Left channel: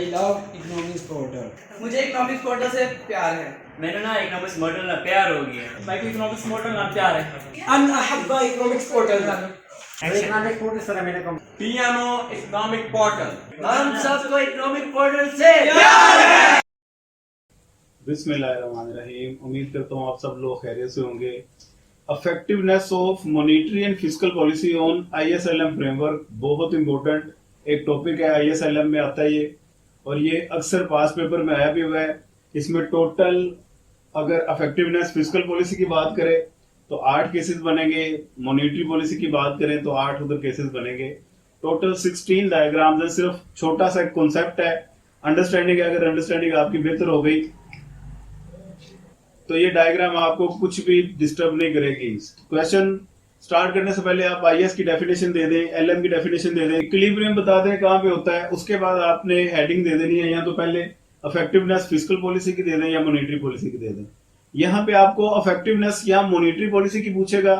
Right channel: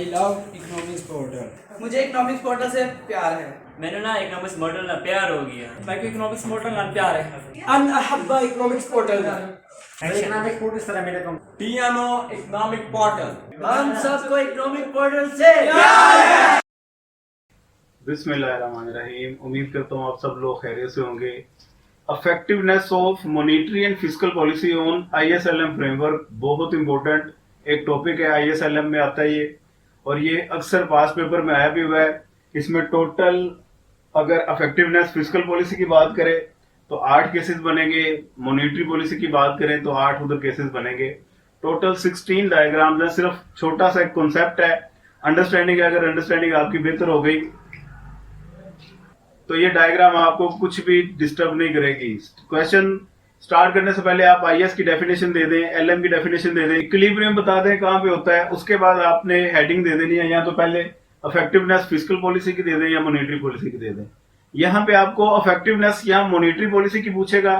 I love economics portal. मुझे economics portal से प्यार है। मैंने ना इकोनॉमिक्स मॉडल ना प्यार हो गया। मैं इकोनॉमिक्स पोर्टल ना प्यार है। अन अहब्बा economics portal. Economic portal sir मेरे को पियानो इकोनॉमिक पोर्टल। हम सबको इकोनॉमिक पोर्टल से बिस्मिल्लाहिर्रहमानिर्रहीम। उम्मीद करता हूँ आप सब लोग खैरियत से होंगे। Effectiveness of monetary and fiscal policy on ISLM framework बहुत इंपॉर्टेंट एक टॉपिक है। ISLM में आता है ये, और ये अक्सर पास पेपर में आया भी हुआ है। इसमें टोटल अगर इफेक्टिवनेस फिस्कल पॉलिसी की बात करें तो 8 केसेस बनेंगे, मॉनेटरी पॉलिसी की बात करें तो 8 उधर केसेस बनेंगे। टोटल 16 डायग्राम्स है। सिर्फ छोटा सा एक कॉन्सेप्ट है, अंडरस्टैंडिंग है। अगर अंडरस्टैंडिंग आपकी बेहतर हो गई तो ये डायग्राम आपको कुछ भी डिस्टर्ब नहीं करेगी। क्वेश्चन स्टार्ट करने से पहले आप IS की डेफिनेशन दे दें, LM की डेफिनेशन दे दें, इक्विलिब्रियम बता दें कहाँ पे होता है। उसके बाद आपने हेडिंग दे देनी है, या तो पहले इफेक्टिवनेस फिस्कल पॉलिसी की दे दें या मॉनेटरी पॉलिसी की दे दें। यहाँ पे आपको इफेक्टिवनेस या मॉनेटरी पॉलिसी की पूछेगा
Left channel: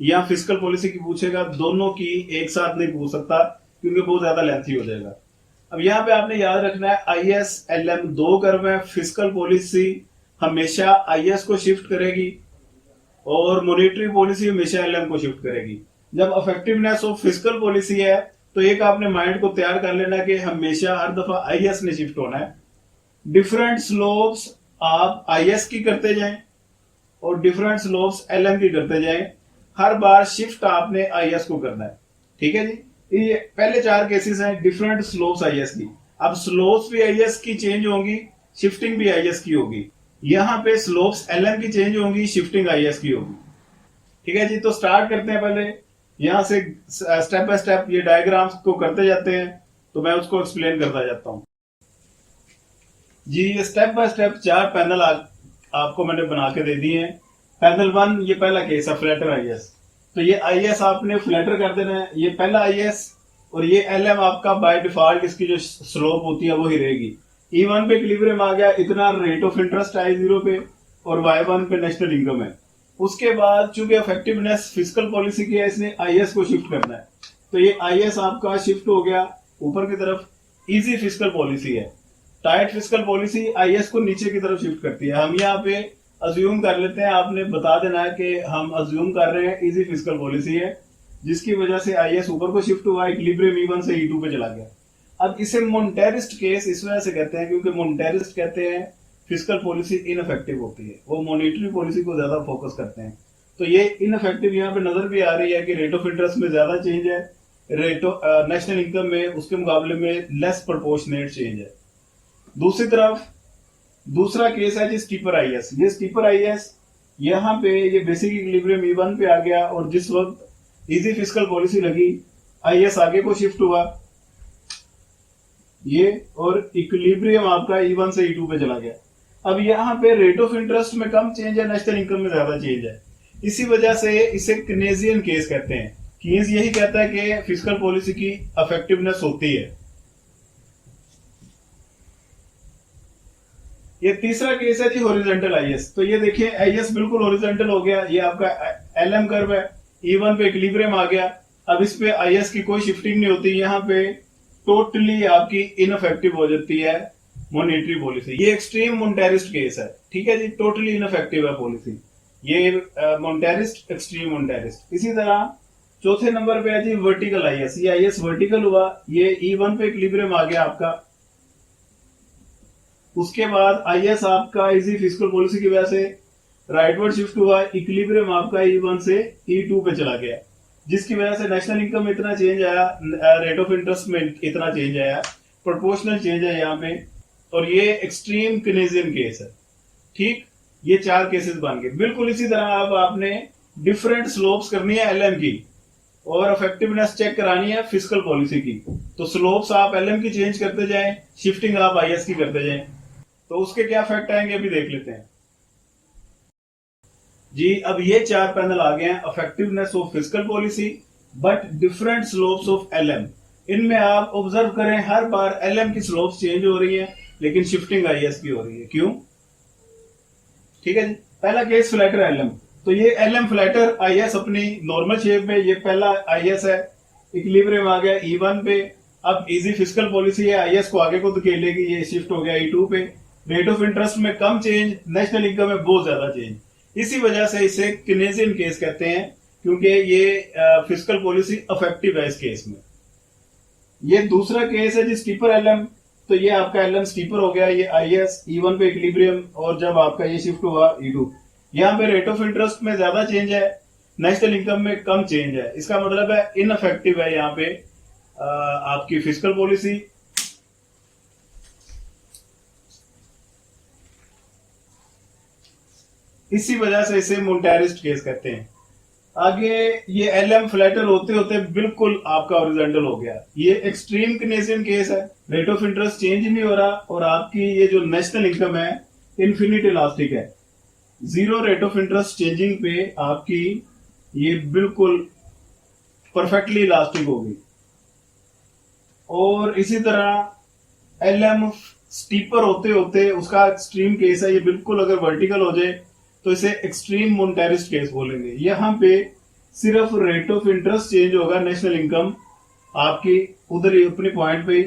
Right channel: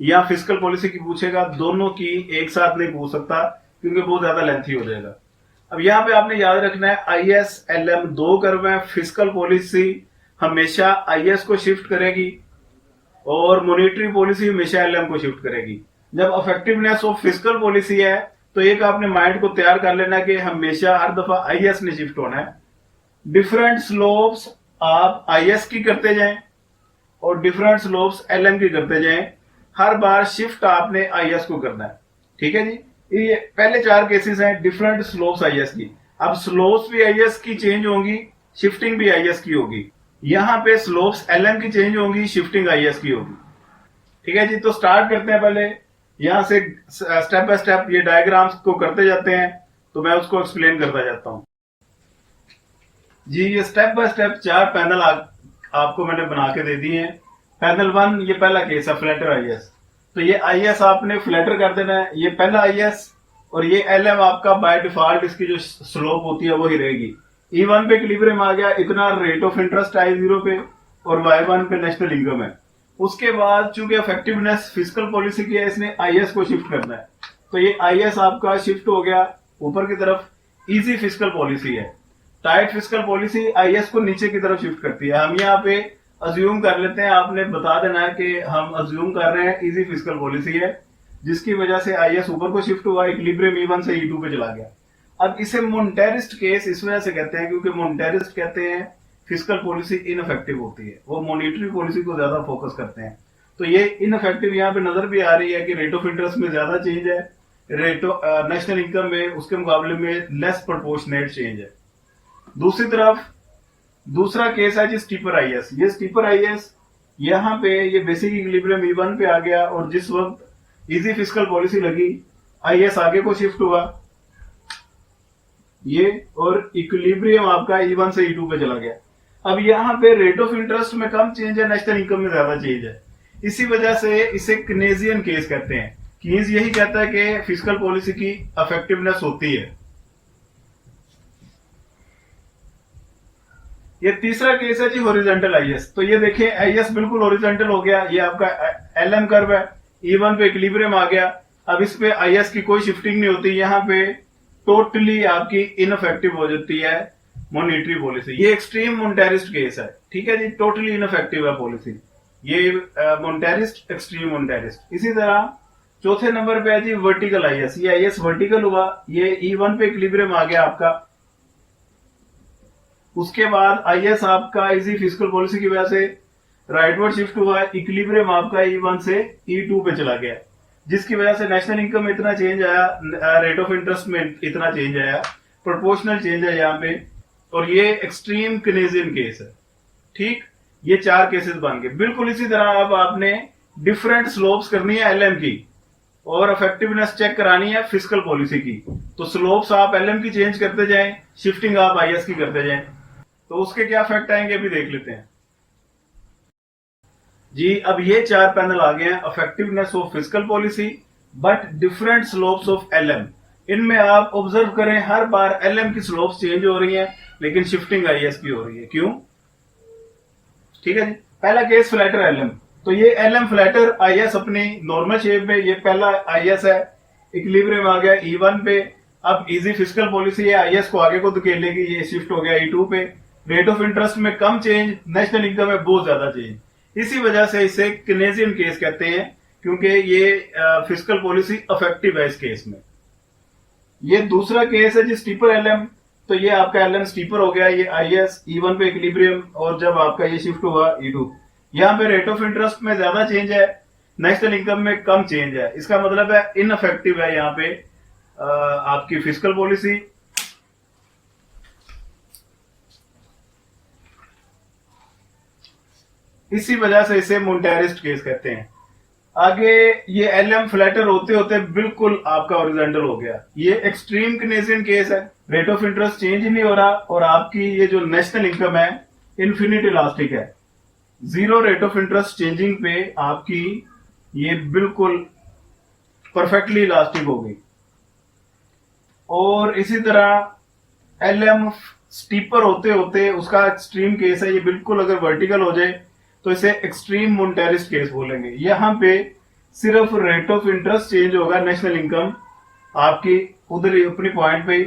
या फिस्कल पॉलिसी की पूछेगा, दोनों की एक साथ नहीं पूछ सकता क्योंकि बहुत ज्यादा लेंथी हो जाएगा। अब यहाँ पे आपने याद रखना है ISLM 2 कर्व है। फिस्कल पॉलिसी हमेशा IS को शिफ्ट करेगी और मॉनेटरी पॉलिसी हमेशा LM को शिफ्ट करेगी। जब इफेक्टिवनेस ऑफ फिस्कल पॉलिसी है तो एक आपने माइंड को तैयार कर लेना कि हमेशा हर दफा IS ने शिफ्ट होना है। डिफरेंट स्लोप्स आप IS की करते जाएं और डिफरेंट स्लोप्स LM की करते जाएं। हर बार शिफ्ट आपने IS को करना है, ठीक है जी। ये पहले 4 केसेस हैं डिफरेंट स्लोप्स IS की। अब स्लोप्स भी IS की चेंज होंगी, शिफ्टिंग भी IS की होगी। यहां पे स्लोप्स LM की चेंज होंगी, शिफ्टिंग IS की होगी, ठीक है जी। तो स्टार्ट करते हैं। पहले यहां से स्टेप बाय स्टेप ये डायग्राम्स को करते जाते हैं, तो मैं उसको एक्सप्लेन करता जाता हूं जी। ये स्टेप बाय स्टेप 4 पैनल आपको मैंने बना के दे दिए हैं। पैनल 1 ये पहला केस है, फ्लैटर IS। तो ये IS आपने फ्लैटर कर देना है, ये पहला IS। और ये LM आपका बाय डिफॉल्ट इसकी जो स्लोप होती है वही रहेगी। E1 पे इक्विलिब्रियम आ गया, इतना रेट ऑफ इंटरेस्ट I0 पे, और Y1 पे नेशनल इनकम है। उसके बाद चूंकि इफेक्टिवनेस फिस्कल पॉलिसी की है, इसने IS को शिफ्ट करना है। तो ये IS आपका शिफ्ट हो गया ऊपर की तरफ। इजी फिस्कल पॉलिसी है। टाइट फिस्कल पॉलिसी IS को नीचे की तरफ शिफ्ट करती है। हम यहाँ पे अज्यूम कर लेते हैं, आपने बता देना है कि हम अज्यूम कर रहे हैं इजी फिस्कल पॉलिसी है, जिसकी वजह से IS ऊपर को शिफ्ट हुआ, इक्विलिब्रियम E1 से E2 पे चला गया। अब इसे मोनेटरिस्ट केस इस वजह से कहते हैं क्योंकि मोनेटरिस्ट कहते हैं फिस्कल पॉलिसी इनफेक्टिव होती है, वो मॉनेटरी पॉलिसी को ज्यादा फोकस करते हैं। तो ये इनफेक्टिव यहाँ पे नजर भी आ रही है कि रेट ऑफ इंटरेस्ट में ज्यादा चेंज है, रेट ऑफ नेशनल इनकम में उसके मुकाबले में लेस प्रोपोर्शनेट चेंज है। दूसरी तरफ दूसरा केस है जी स्टीपर IS। ये स्टीपर IS यहाँ पे ये बेसिक इक्विलिब्रियम E1 पे आ गया, और जिस वक्त इजी फिस्कल पॉलिसी लगी IS आगे को शिफ्ट हुआ ये, और इक्विलिब्रियम आपका E1 से E2 पे चला गया। अब यहाँ पे रेट ऑफ इंटरेस्ट में कम चेंज है, नेशनल इनकम में ज्यादा चेंज है। इसी वजह से इसे कीनेसियन केस कहते हैं। कीन्स यही कहता है कि फिस्कल पॉलिसी की इफेक्टिवनेस होती है। ये तीसरा केस है जी हॉरिजॉन्टल IS। तो ये देखिए IS बिल्कुल हॉरिजॉन्टल हो गया। ये आपका LM कर्व है, E1 पे इक्विलिब्रियम आ गया। अब इस पे IS की कोई शिफ्टिंग नहीं होती, यहाँ पे टोटली आपकी इनफेक्टिव हो जाती है मॉनेटरी पॉलिसी। ये एक्सट्रीम मोनेटरिस्ट केस है, ठीक है जी। टोटली इनफेक्टिव है पॉलिसी ये, मोनेटरिस्ट एक्सट्रीम मोनेटरिस्ट। इसी तरह चौथे नंबर पे है जी वर्टिकल IS। ये IS वर्टिकल हुआ, ये E1 पे इक्विलिब्रियम आ गया आपका। उसके बाद IS आपका इजी फिस्कल पॉलिसी की वजह से राइटवर्ड शिफ्ट हुआ, इक्विलिब्रियम आपका E1 से E2 पे चला गया, जिसकी वजह से नेशनल इनकम में इतना चेंज आया, रेट ऑफ इंटरेस्ट में इतना चेंज आया, प्रोपोर्शनल चेंज है यहाँ पे। और ये एक्सट्रीम कीनेसियन केस है, ठीक। ये 4 केसेस बन गए। बिल्कुल इसी तरह अब आपने डिफरेंट स्लोप्स करनी है LM की, और इफेक्टिवनेस चेक करानी है फिस्कल पॉलिसी की। तो स्लोप्स आप LM की चेंज करते जाएं, शिफ्टिंग आप IS की करते जाएं। तो उसके क्या इफेक्ट आएंगे अभी देख लेते हैं जी। अब ये 4 पैनल आ गए हैं, effectiveness of fiscal policy but different slopes of LM। इनमें आप ऑब्जर्व करें हर बार LM की स्लोप्स चेंज हो रही हैं, लेकिन शिफ्टिंग IS की हो रही है। क्यों? ठीक है जी। पहला केस फ्लैटर LM। तो ये LM फ्लैटर IS अपनी नॉर्मल शेप में, ये पहला IS है, इक्विलिब्रियम आ गया E1 पे, अब इजी फिस्कल पॉलिसी है, आईएस को आगे को धकेलेगी, ये शिफ्ट हो गया E2 पे। रेट ऑफ इंटरेस्ट में कम चेंज, नेशनल इनकम में बहुत ज्यादा चेंज। इसी वजह से इसे केनेजियन केस कहते हैं, क्योंकि ये फिस्कल पॉलिसी अफेक्टिव है इस केस में। ये दूसरा केस है जी स्टीपर एलएम। तो ये आपका एलएम स्टीपर हो गया, ये आईएस E1 पे इक्विलिब्रियम, और जब आपका ये शिफ्ट हुआ E2, यहाँ पे रेट ऑफ इंटरेस्ट में ज्यादा चेंज है, नेशनल इनकम में कम चेंज है। इसका मतलब है इनअफेक्टिव है यहाँ पे आपकी फिस्कल पॉलिसी। इसी वजह से इसे मोनेटारिस्ट केस कहते हैं। आगे ये एलएम फ्लैटर होते होते बिल्कुल आपका ओरिजेंटल हो गया। ये एक्सट्रीम केनेजियन केस है, रेट ऑफ इंटरेस्ट चेंज ही नहीं हो रहा, और आपकी ये जो नेशनल इनकम है इन्फिनिट इलास्टिक है। Zero rate of interest changing पे आपकी ये बिल्कुल परफेक्टली इलास्टिक होगी। और इसी तरह एलएम स्टीपर होते होते उसका एक्सट्रीम केस है, ये बिल्कुल अगर वर्टिकल हो जाए तो इसे एक्सट्रीम मोनेटारिस्ट केस बोलेंगे। यहां पे सिर्फ रेट ऑफ इंटरेस्ट चेंज होगा, नेशनल इनकम आपकी उधर ही अपनी पॉइंट पे ही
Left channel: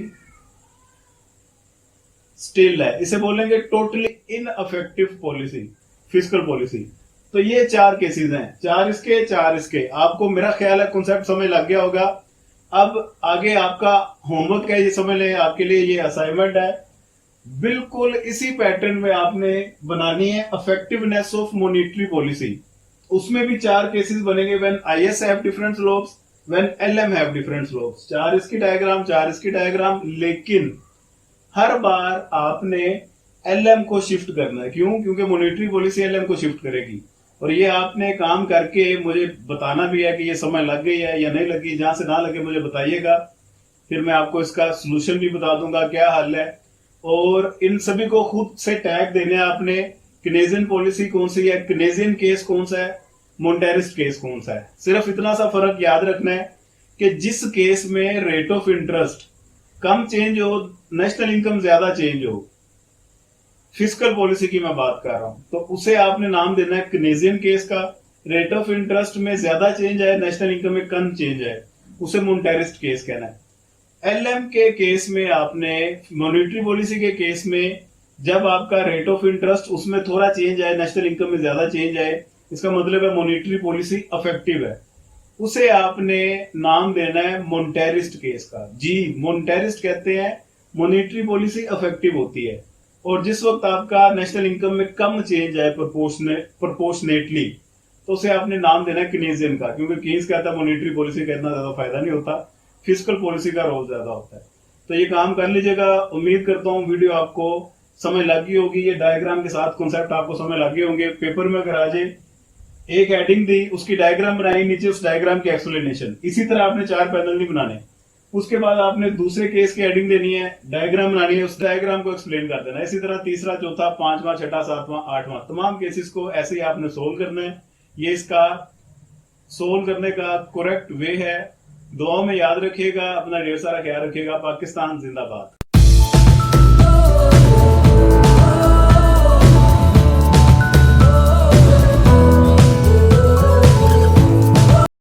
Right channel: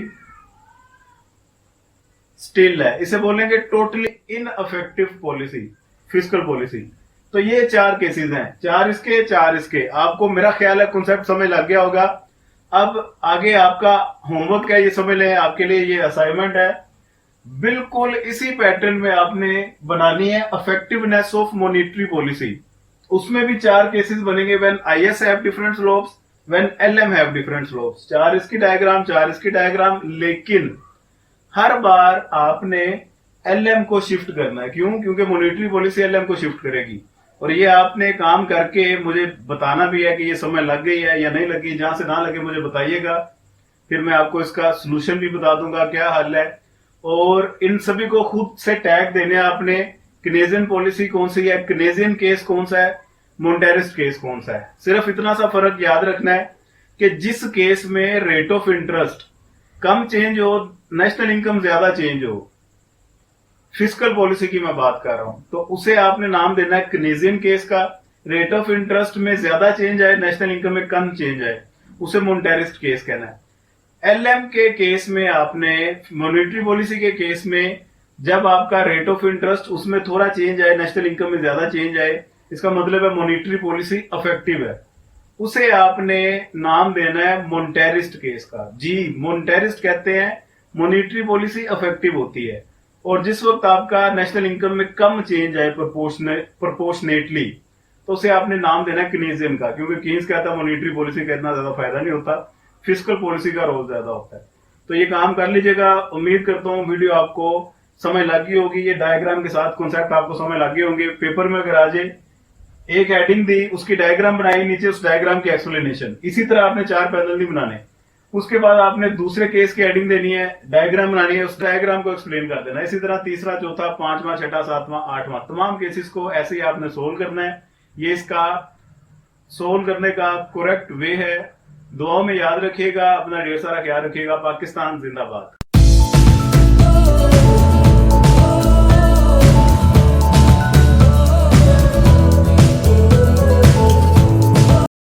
स्टिल है। इसे बोलेंगे totally ineffective policy, fiscal policy. तो ये 4 केसेस हैं, 4 इसके 4 इसके। आपको मेरा ख्याल है कॉन्सेप्ट समझ लग गया होगा। अब आगे आपका होमवर्क है, ये समझ लें, आपके लिए ये असाइनमेंट है। बिल्कुल इसी पैटर्न में आपने बनानी है इफेक्टिवनेस ऑफ मॉनेटरी पॉलिसी। उसमें भी 4 केसेस बनेंगे, when IS have different slopes, when LM have different slopes. 4 इसकी डायग्राम, 4 इसकी डायग्राम, लेकिन हर बार आपने एलएम को शिफ्ट करना है। क्यों? क्योंकि मॉनेटरी पॉलिसी एलएम को शिफ्ट करेगी। और ये आपने काम करके मुझे बताना भी है कि ये समझ लग गई है या नहीं लगी। जहां से ना लगे मुझे बताइएगा, फिर मैं आपको इसका सोल्यूशन भी बता दूंगा क्या हल है। और इन सभी को खुद से टैग देने हैं आपने, केनेजियन पॉलिसी कौन सी है, केनेजियन केस कौन सा है, मोनेटारिस्ट केस कौन सा है। सिर्फ इतना सा फर्क याद रखना है कि जिस केस में rate of interest come change हो, नेशनल इनकम ज्यादा चेंज हो, फिस्कल पॉलिसी की मैं बात कर रहा हूं, तो उसे आपने नाम देना है केनेजियन केस का। रेट ऑफ इंटरेस्ट में ज्यादा चेंज आए, नेशनल इनकम में कम चेंज आए, उसे मोनेटारिस्ट केस कहना है। एलएम के केस में आपने, मॉनेटरी पॉलिसी के केस में, जब आपका रेट ऑफ इंटरेस्ट उसमें थोड़ा चेंज आए, नेशनल इनकम में ज्यादा चेंज आए, इसका मतलब है मॉनेटरी पॉलिसी अफेक्टिव है, उसे आपने नाम देना है मोनेटारिस्ट केस का। जी, मोनेटारिस्ट कहते हैं मॉनेटरी पॉलिसी अफेक्टिव होती है। और जिस वक्त आपका नेशनल इनकम में कम चेंज आए प्रोपोर्शनेटली, तो उसे आपने नाम देना है केनेजियन का, क्योंकि केन्स कहता है मॉनेटरी पॉलिसी का इतना ज्यादा फायदा नहीं होता, फिस्कल पॉलिसी का रोल ज्यादा होता है। तो ये काम कर लीजिएगा। उम्मीद करता हूँ वीडियो आपको समझ लग गई होगी। ये डायग्राम के साथ कॉन्सेप्ट आपको समझ लग गए होंगे। पेपर में अगर आ जाए, एक हेडिंग दी, उसकी डायग्राम बनाई, नीचे उस डायग्राम की एक्सप्लेनेशन। इसी तरह आपने 4 पैनल नहीं बनाने। उसके बाद आपने दूसरे केस की हेडिंग देनी है, डायग्राम बनानी है, उस डायग्राम को एक्सप्लेन कर देना। इसी तरह तीसरा, चौथा, 5वां, 6वां, 7वां, 8वां, तमाम केसेस को ऐसे ही आपने सोल्व करना है। ये इसका सोल्व करने का करेक्ट वे है। दुआओं में याद रखिएगा, अपना ढेर सारा ख्याल रखिएगा। पाकिस्तान जिंदाबाद।